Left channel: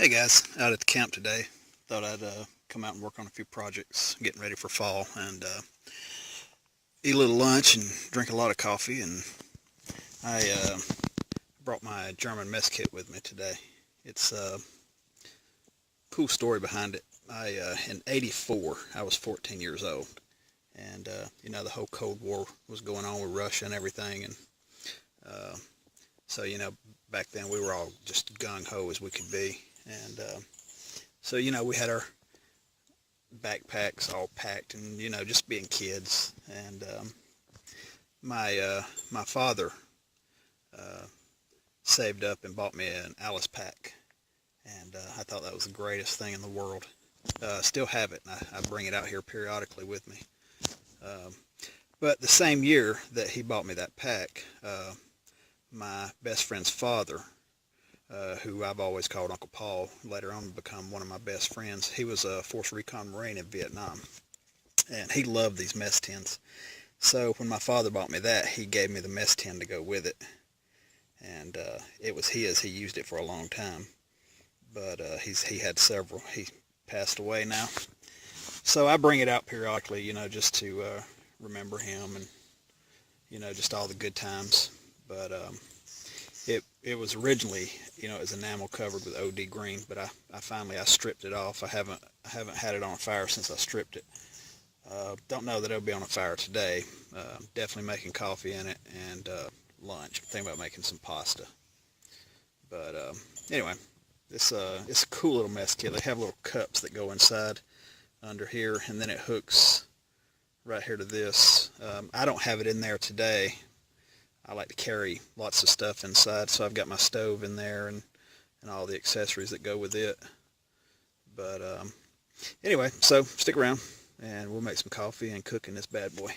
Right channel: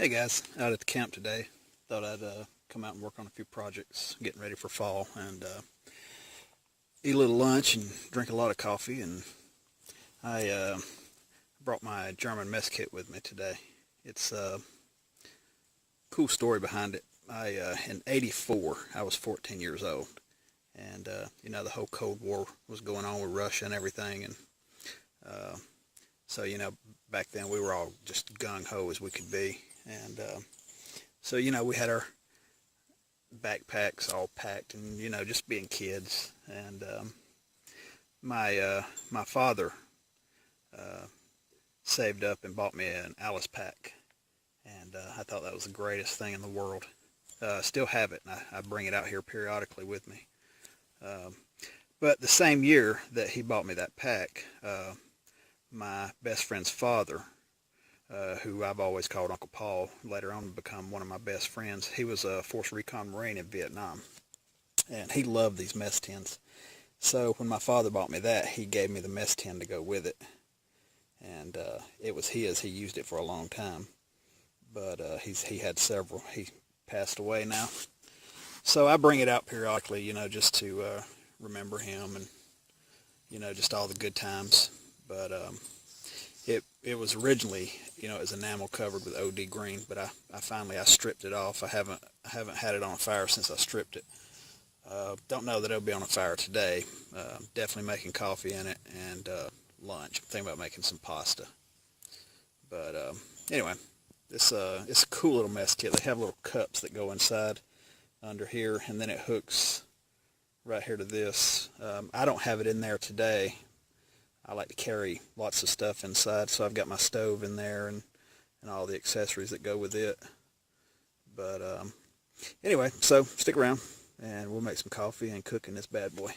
Hey guys, out at the camp today. Thought I'd come out and work on a few projects, getting ready for fall, and eat a little lunch and drink a lot of coffee. And I brought my German mess kit with me today. It's a cool story behind it. In '84, I was 14 years old, and the whole Cold War was going on with Russia and everything, and uh, so back then we were all just gung ho as we could be, and we had our backpacks all packed and just being kids and my father uh, saved up and bought me an Alice pack, and I thought that was the greatest thing in the world. Still have it, and I bring it out here periodically with me. um, but the same year that he bought me that pack, my best friend's father, who I've always called Uncle Paul, later on become one of my best friends. He was a Force Recon Marine in Vietnam, and he loved these mess tins. So when my father bought me that, he gave me the mess tin to go with it, and it was his. He used it for a long time, but he had several. He passed away now, so I bring it out periodically, just to remember him and just all the good times. But it was originally, it was enamel covered with OD green, but I finally I stripped it off. I haven't had it on fire since I stripped it. Don't know that it'll be on a fire today. Definitely making coffee in it and lunch. I'm thinking about making some pasta. But anyway, it's a cool little mess kit. They have little cups that go inside under here, and then it hooks right here to this. I don't have it in there today. I like to carry lots of stuff inside, so I've got my stove in there and all the accessories that go with it. But anyway, so stick around and we'll make some coffee and cook in this bad boy.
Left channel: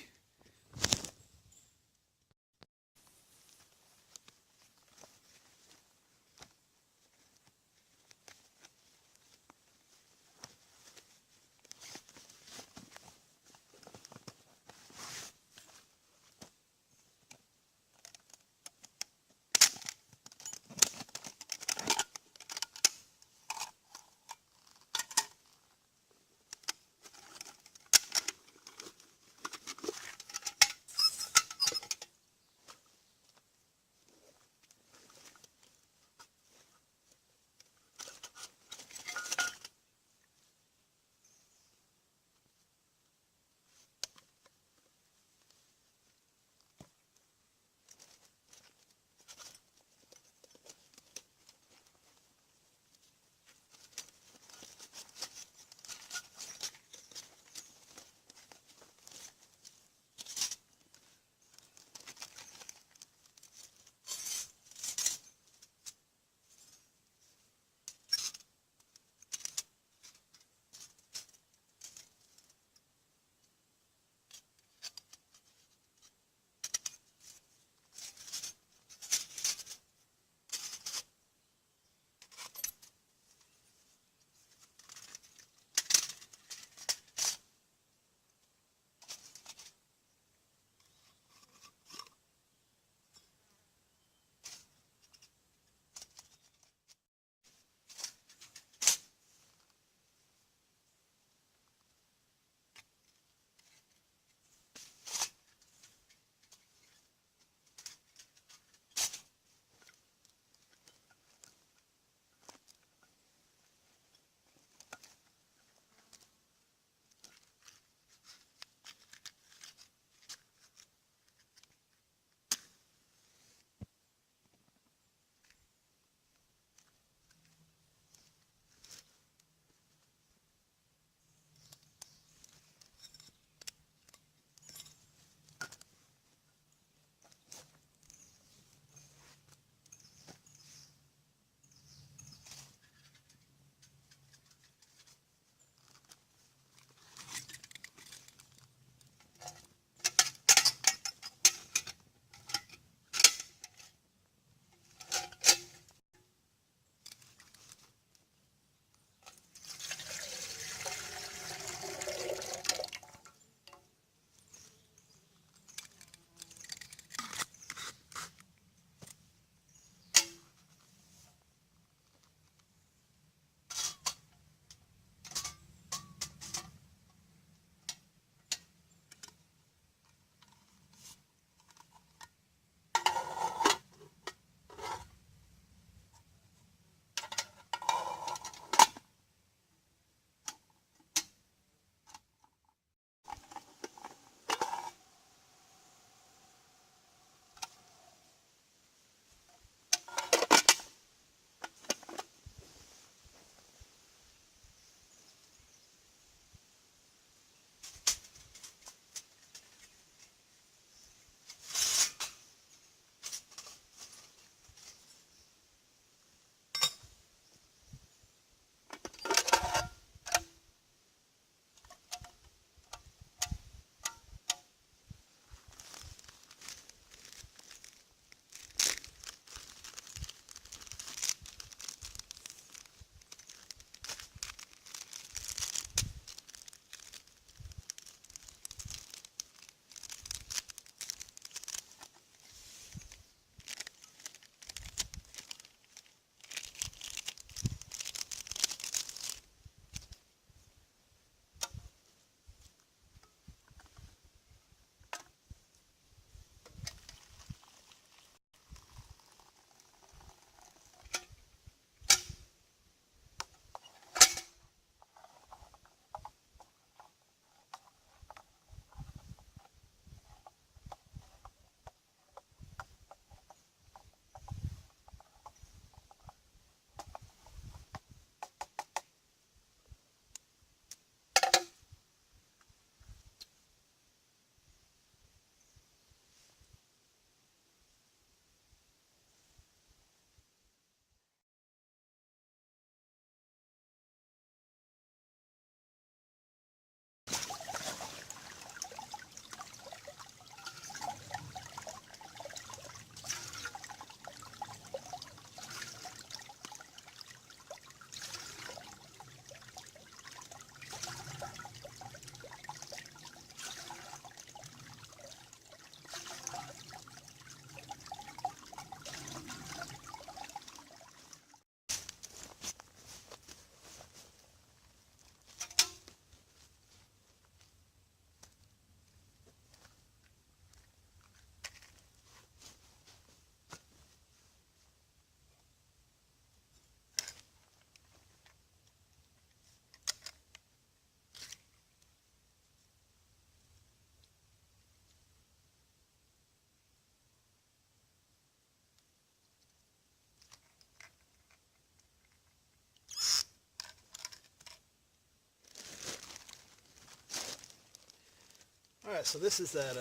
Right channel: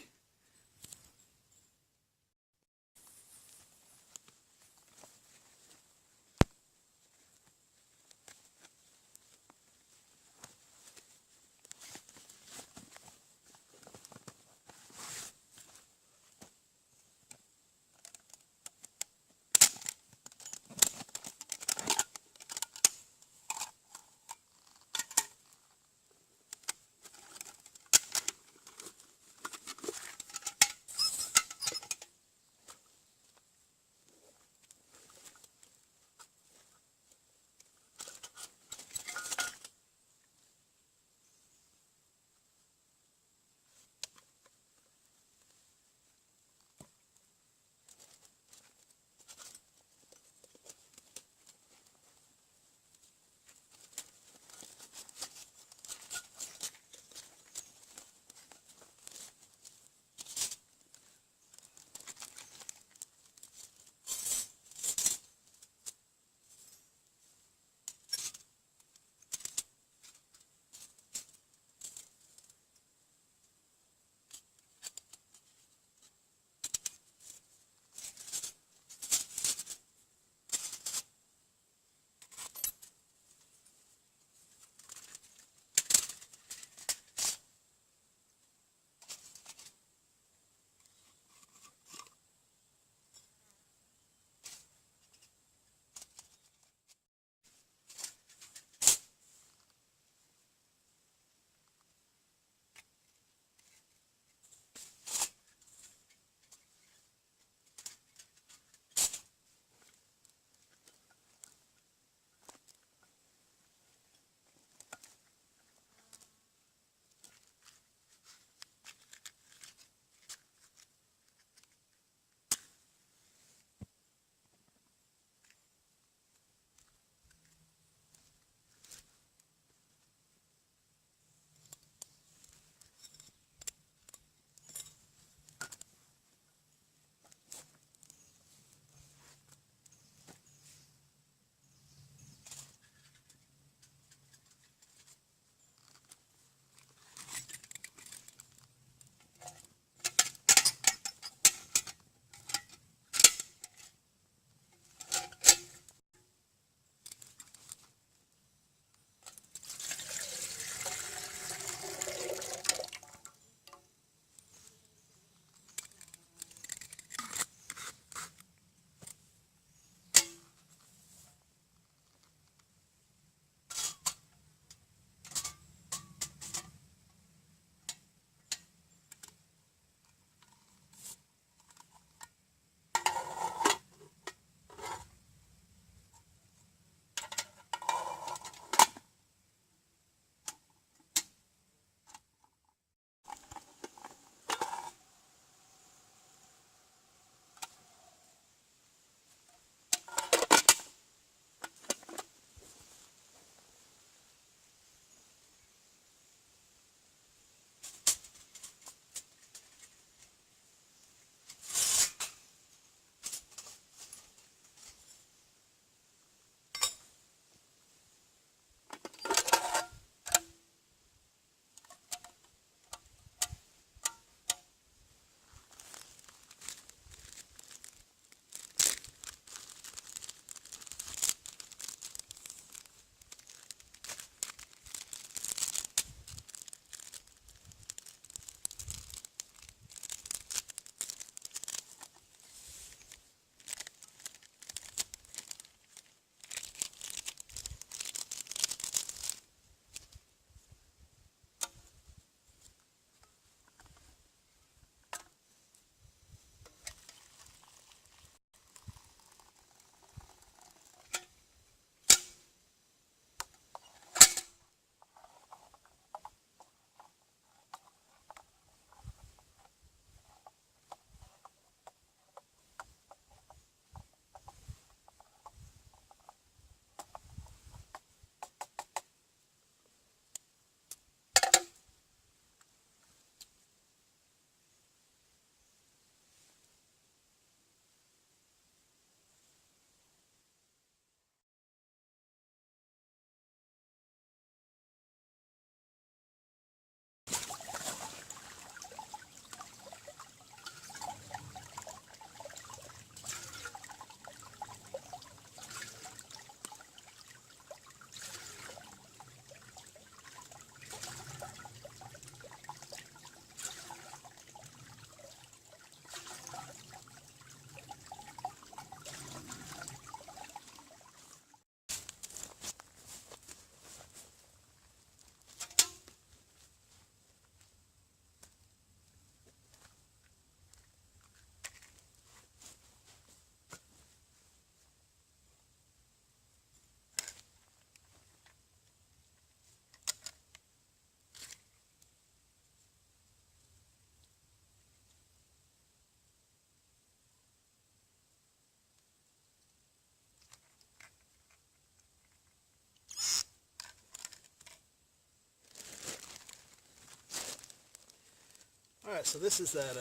Alright, so this is that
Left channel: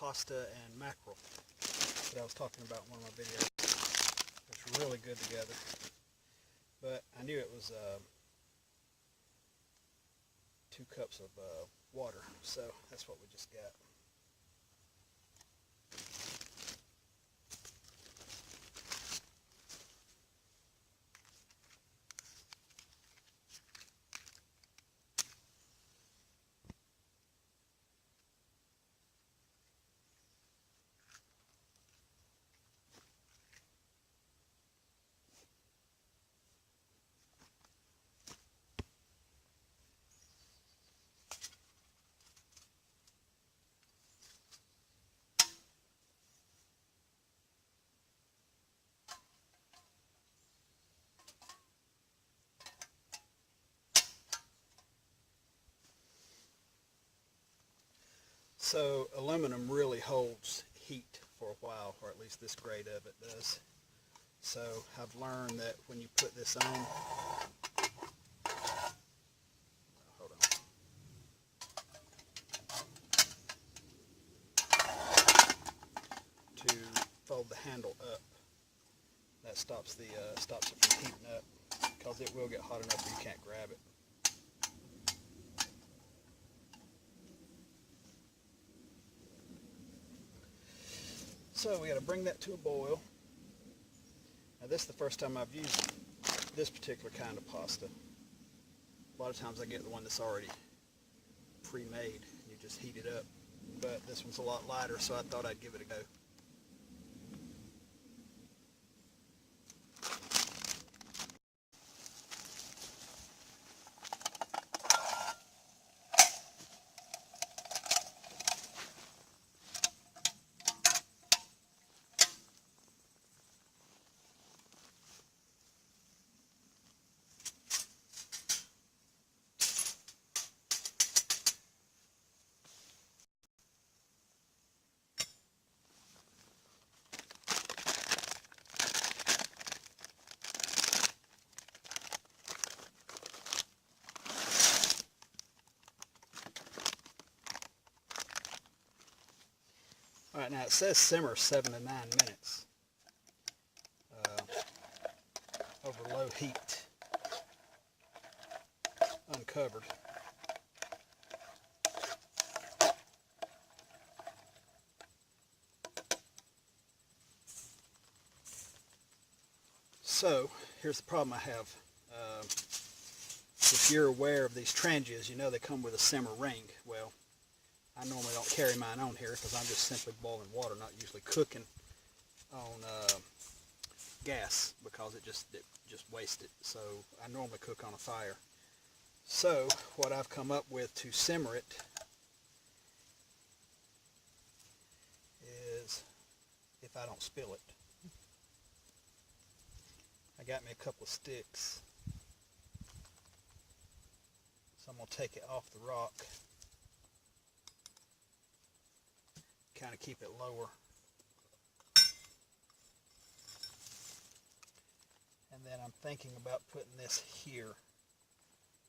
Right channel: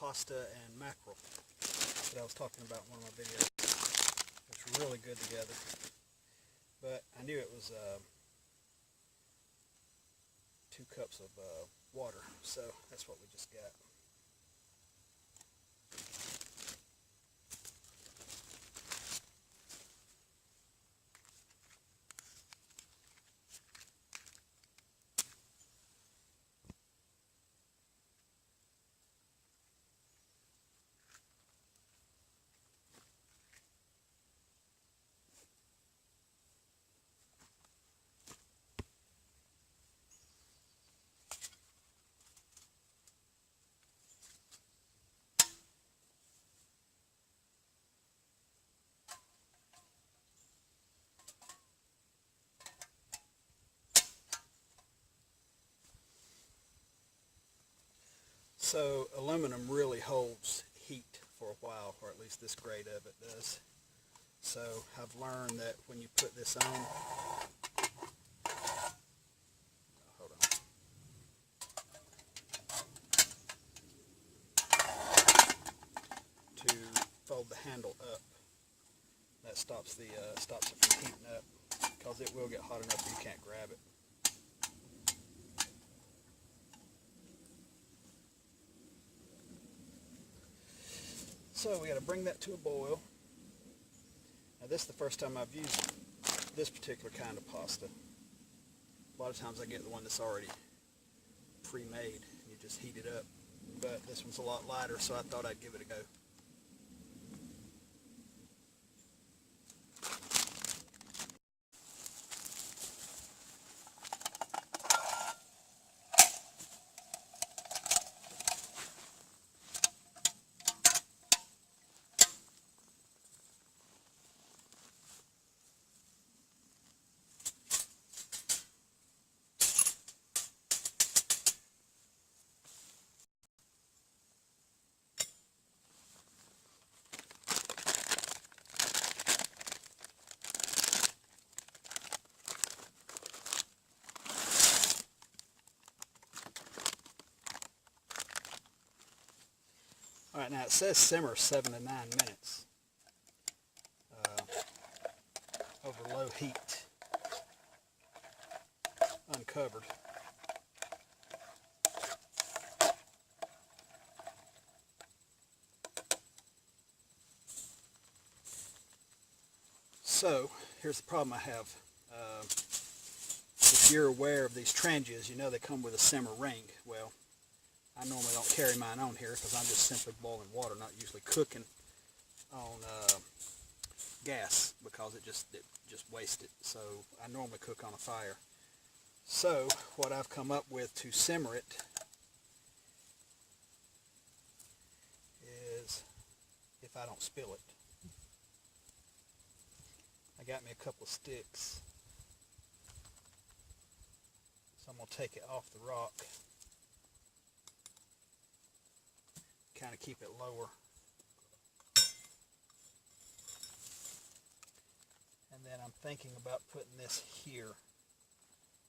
pasta and mackerel that I was talking about in one of my videos. It's really good together. But I knew it was 2 cups of water, so that's what we just got. So aluminum really holds heat for a while, or at least this grade of it does. So I've learned that when you put this on, hold on. To fold the handle up, that stops it from heating up, because it will get hot enough where you can't grab it. So we got to bring that to a boil. Now this is the first time I've used this particular kind of pasta. A lot of times I get the one that's already pre-made. You just heat it up. But this one's a lot lighter, so I thought I'd give it a go. Alright, now it says simmer 7 to 9 minutes over low heat, uncovered. So, here's the problem I have. If you're aware of these tranches, you know they come with a simmer ring. Well, I normally don't carry mine on here because I'm just simply boiling water, not usually cooking on gas, because it just wastes it. So I normally cook on a fire. So what I've come up with to simmer it is, if I don't spill it, I got me a couple of sticks. So I'm going to take it off the rock, kind of keep it lower, and then I'm thinking about putting this here.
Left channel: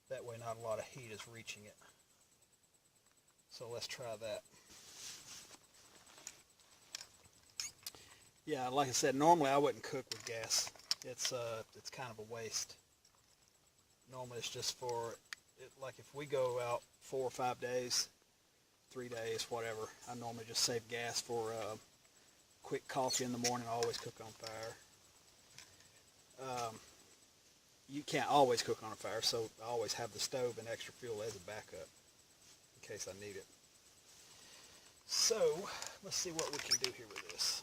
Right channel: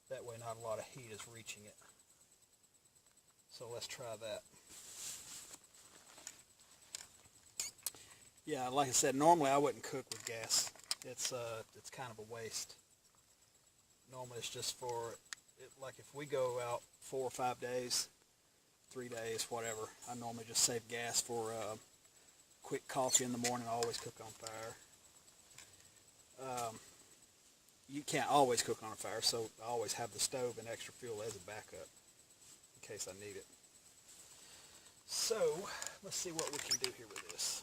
That way not a lot of heat is reaching it. So let's try that. Yeah, like I said, normally I wouldn't cook with gas. It's kind of a waste. Normally it's just for it, like if we go out 4 or 5 days, 3 days, whatever, I normally just save gas for quick coffee in the morning. I always cook on fire. You can't always cook on a fire, so I always have the stove and extra fuel as a backup in case I need it. So let's see what we can do here with this.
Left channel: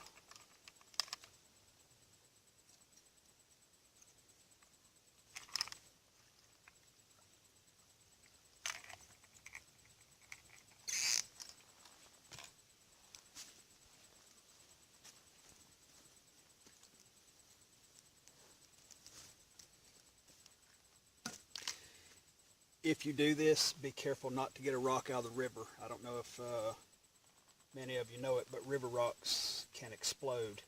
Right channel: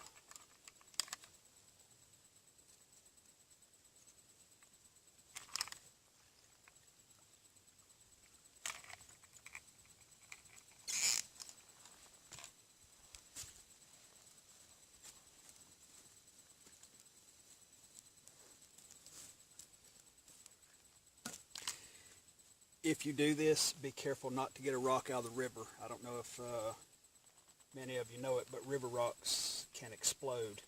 If you do this, be careful not to get a rock out of the river. I don't know if many of you know it, but river rocks can explode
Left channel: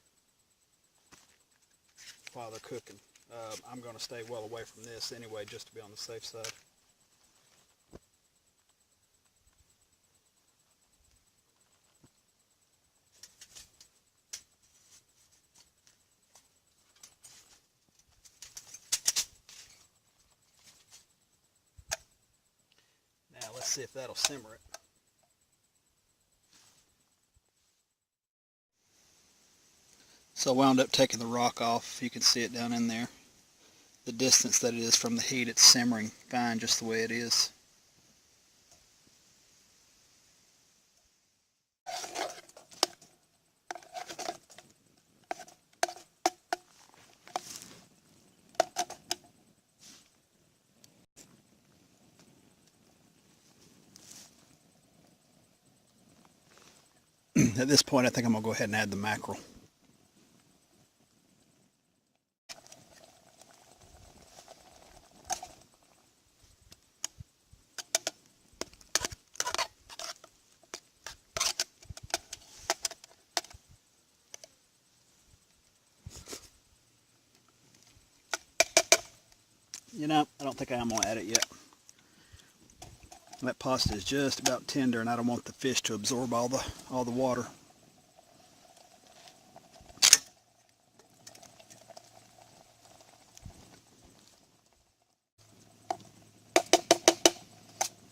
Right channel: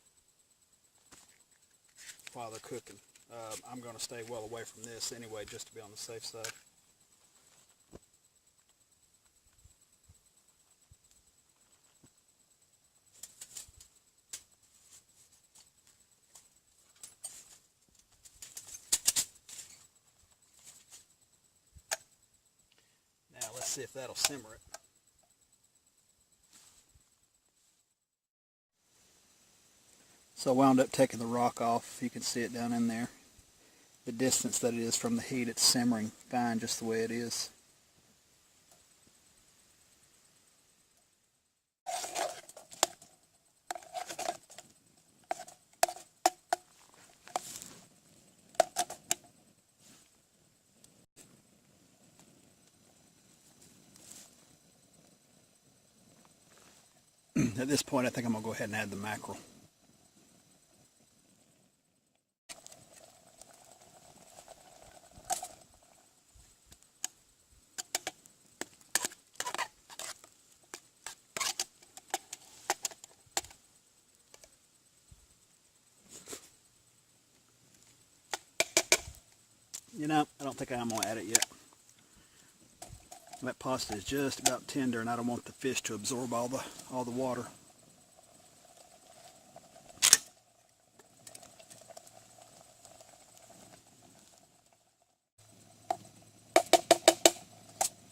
while they're cooking. I'm going to stay well away from this anyway, just to be on the safe side. see if that'll simmer it. So I wound up taking the rock off. You can see it down in there. The distance that it is from the heat, it's simmering fine just the way it is. At this point, I think I'm going to go ahead and add the mackerel. You know, I don't think I'm going to add it yet. That pasta is just about tender, and I don't want the fish to absorb all the water.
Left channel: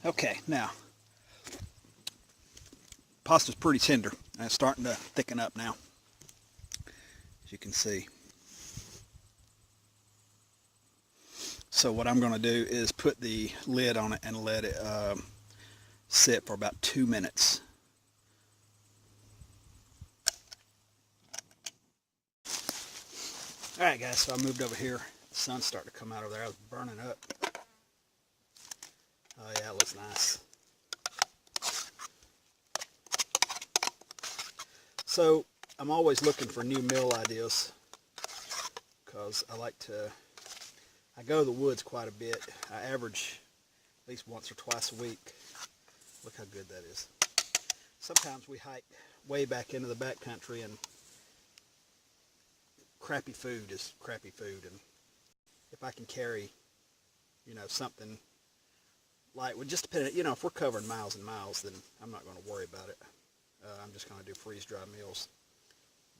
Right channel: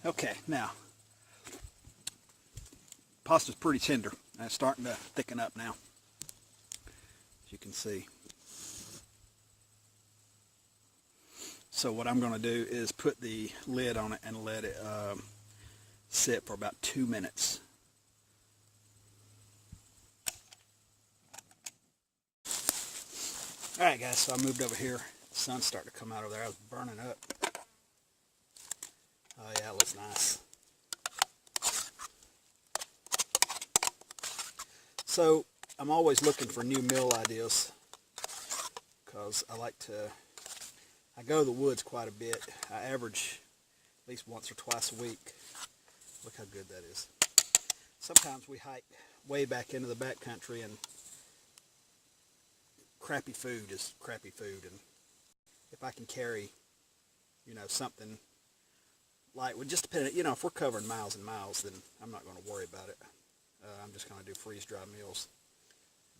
Okay, now pasta's pretty tender, and it's starting to thicken up now, as you can see. So what I'm going to do is put the lid on it and let it sit for about 2 minutes. Alright guys, so I moved over here. The sun's starting to come out over there. I was burning up. Oh yeah, it looks nice. So I'm always looking for new meal ideas because I go to the woods quite a bit. I average at least once or twice a week. Look how good that is. Sometimes we hike way back into the backcountry, and crappy food is crappy food. And if I can carry, you know, something light, well, just depending, you know, if we're covering miles and miles, then I'm not going to worry about it. I'm just going to do freeze-dry meals.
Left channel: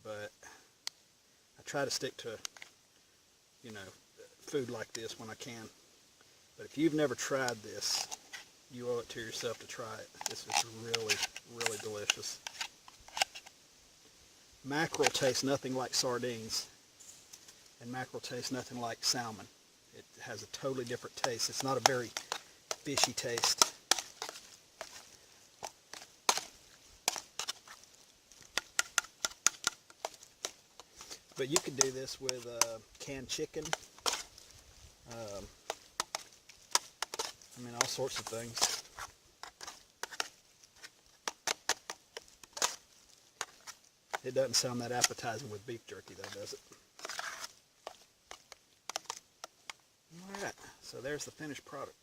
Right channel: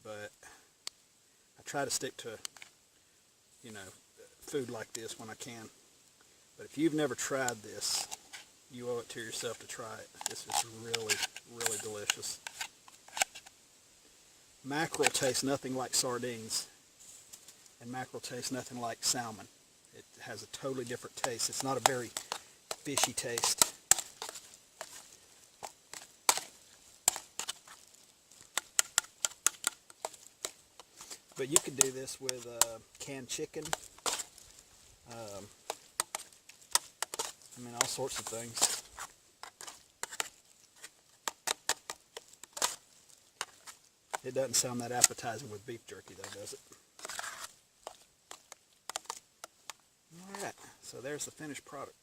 But I try to stick to, you know, food like this when I can. But if you've never tried this, you owe it to yourself to try it. This is really, really delicious. Mackerel tastes nothing like sardines, and mackerel tastes nothing like salmon. It has a totally different taste. It's not a very fishy taste. But you could do this with canned chicken. I mean, all sorts of things. It doesn't sound that appetizing with beef jerky though, does it? Alright, so there's the finished product.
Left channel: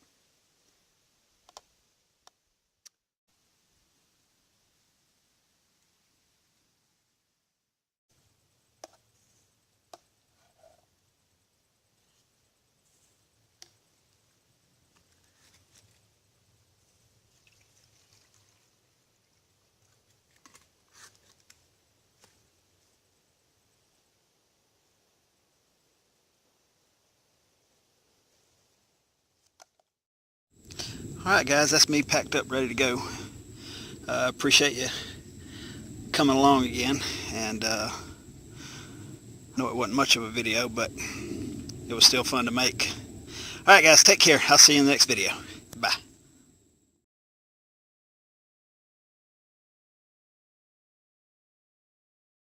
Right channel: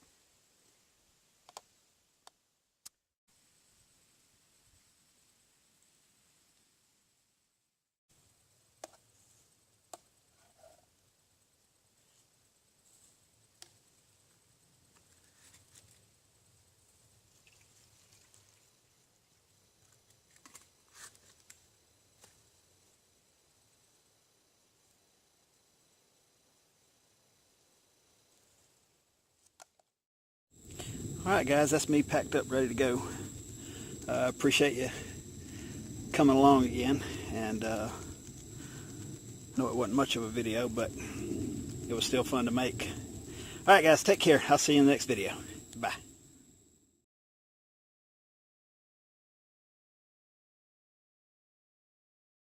Alright guys, that's me packed up, ready to go. Appreciate you coming along again, and I know it wasn't much of a video, but it was still fun to make. Alright guys, take care. I'll see you in the next video.